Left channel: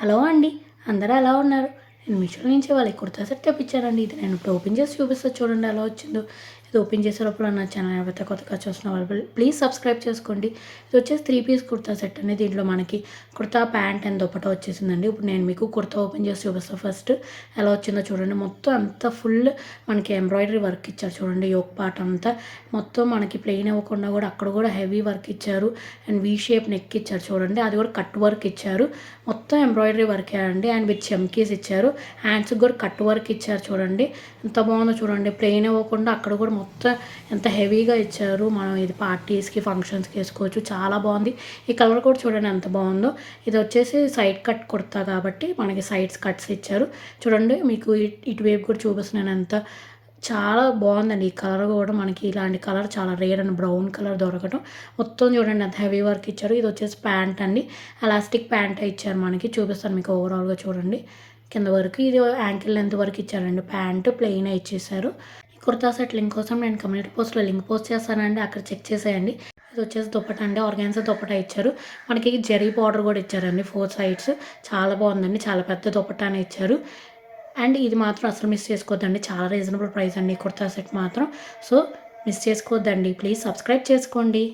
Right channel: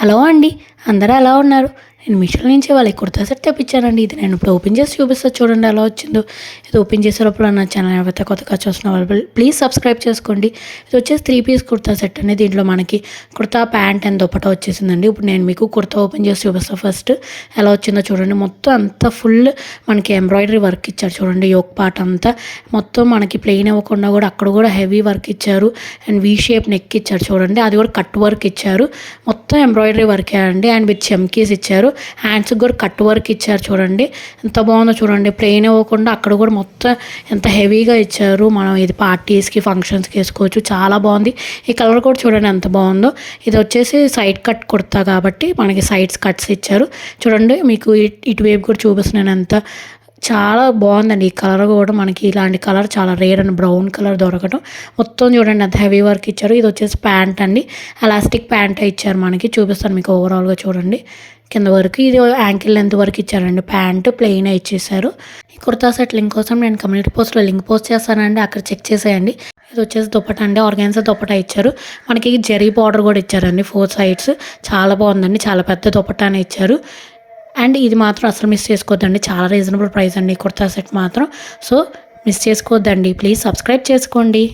Hello అండి, అందరూ ఎలా ఉన్నారు? నేను మీషో నుంచి వాళ్ళకి కుర్తా సెట్ తెప్పించానండి. ఇది నేను ఇప్పుడు ఓపెన్ చేసి చూపిస్తా చూడండి ఎలా వచ్చిందో. ఇది ఓపెన్ చేసేటప్పుడు నా ఛానల్ ఎవరైతే కొత్తగా చూస్తున్న వాళ్ళు ప్లీజ్ సబ్స్క్రైబ్ చేసుకోండి. ఇది వచ్చేసి 3 పీస్ కుర్తా సెట్ అండి. దీంట్లో మనకి కుర్తా ప్యాంట్ అండ్ దుపట్టా వచ్చేసిందండి. ఇప్పుడు నేను మీకు కుర్తా ఓపెన్ చేసి చూపిస్తాను. ఫస్ట్ ఎలా వచ్చిందో చూడండి. మొత్తం అంతా ఫుల్ మనకి ఎంబ్రాయిడరీ వర్క్ ఇచ్చారు చూడండి. యోక్ పార్ట్ అంతా మొత్తం మనకి ప్లెయిన్ ఇవ్వకుండా కూడా అక్కడ కూడా హెవీ వర్క్ ఇచ్చారు. అండ్ వీ షేప్ నెక్ ఇచ్చారు చూడండి. అది కూడా కట్ వర్క్ ఇచ్చారు. మొత్తం ఎంబ్రాయిడరీ వర్కే అండి. అండ్ విత్ చెమ్కీస్ ఇచ్చారు. హ్యాండ్స్కి కూడా కట్ వర్క్ ఇచ్చారు చూడండి. ఎంత బాగుందో చూడండి. ప్లెయిన్ ఇవ్వకుండా అక్కడ కూడా మొత్తం ఎంత హెవీగా ఇచ్చారు. మనం ఇది పార్టీస్కి ఫంక్షన్స్కి వేసుకోవచ్చు. చాలా బాగుంది. ఈ కలర్ కూడా చూడండి ఎంత బాగుందో. ఇది వచ్చేసి సైడ్ కట్ కుర్తా కాబట్టి మనకి సైడ్స్ కట్స్ ఇచ్చారు చూడండి. మీకు ఇటువైపు కూడా చూపిస్తున్నాను ఎంత చాలా బాగుందండి. ఈ కలర్ కూడా మనకి ఇలాంటి కలర్ చాలా రేర్ అండ్ బ్రౌన్ కలర్ దొరకటం. మొత్తం చూడండి అంత హెవీ వర్క్ ఇచ్చారు. ఇది వచ్చేసి ప్యాంట్ అండి. ఎలాస్టిక్ ప్యాంట్ ఇచ్చారు మనకి. చూపిస్తాను మీకు ఓవరాల్గా చూడండి. కింద వరకు ఇది యాంకిల్ లెంత్ వరకు ఇచ్చారండి. ప్యాంట్ ప్లెయిన్ ఇచ్చేసారు. ఈ కుర్తా సెట్ లింక్ కోసం నేను కమ్యూనిటీ పోస్ట్లో లింక్ పోస్ట్ చేస్తానండి. అక్కడ చెక్ చేసేయండి. ఇది వచ్చేసి దుపట్టా అండి. ఆర్గాన్జా దుపట్టా ఇచ్చారు. మనకి జెరీ బార్డర్ కూడా ఇచ్చారండి 4 సైడ్స్. చాలా బాగుందండి. చాలా పెద్ద దుపట్టానే ఇచ్చారు. అండ్ ఇది మాత్రం అసలు మిస్ చేసుకోవద్దండి. చాలా రీజనబుల్ ప్రైస్ అండి ఈ కుర్తా సెట్ మాత్రం. సో మిస్ చేసుకోవద్దండి. ప్లీజ్ సబ్స్క్రైబ్ చేసుకోండి.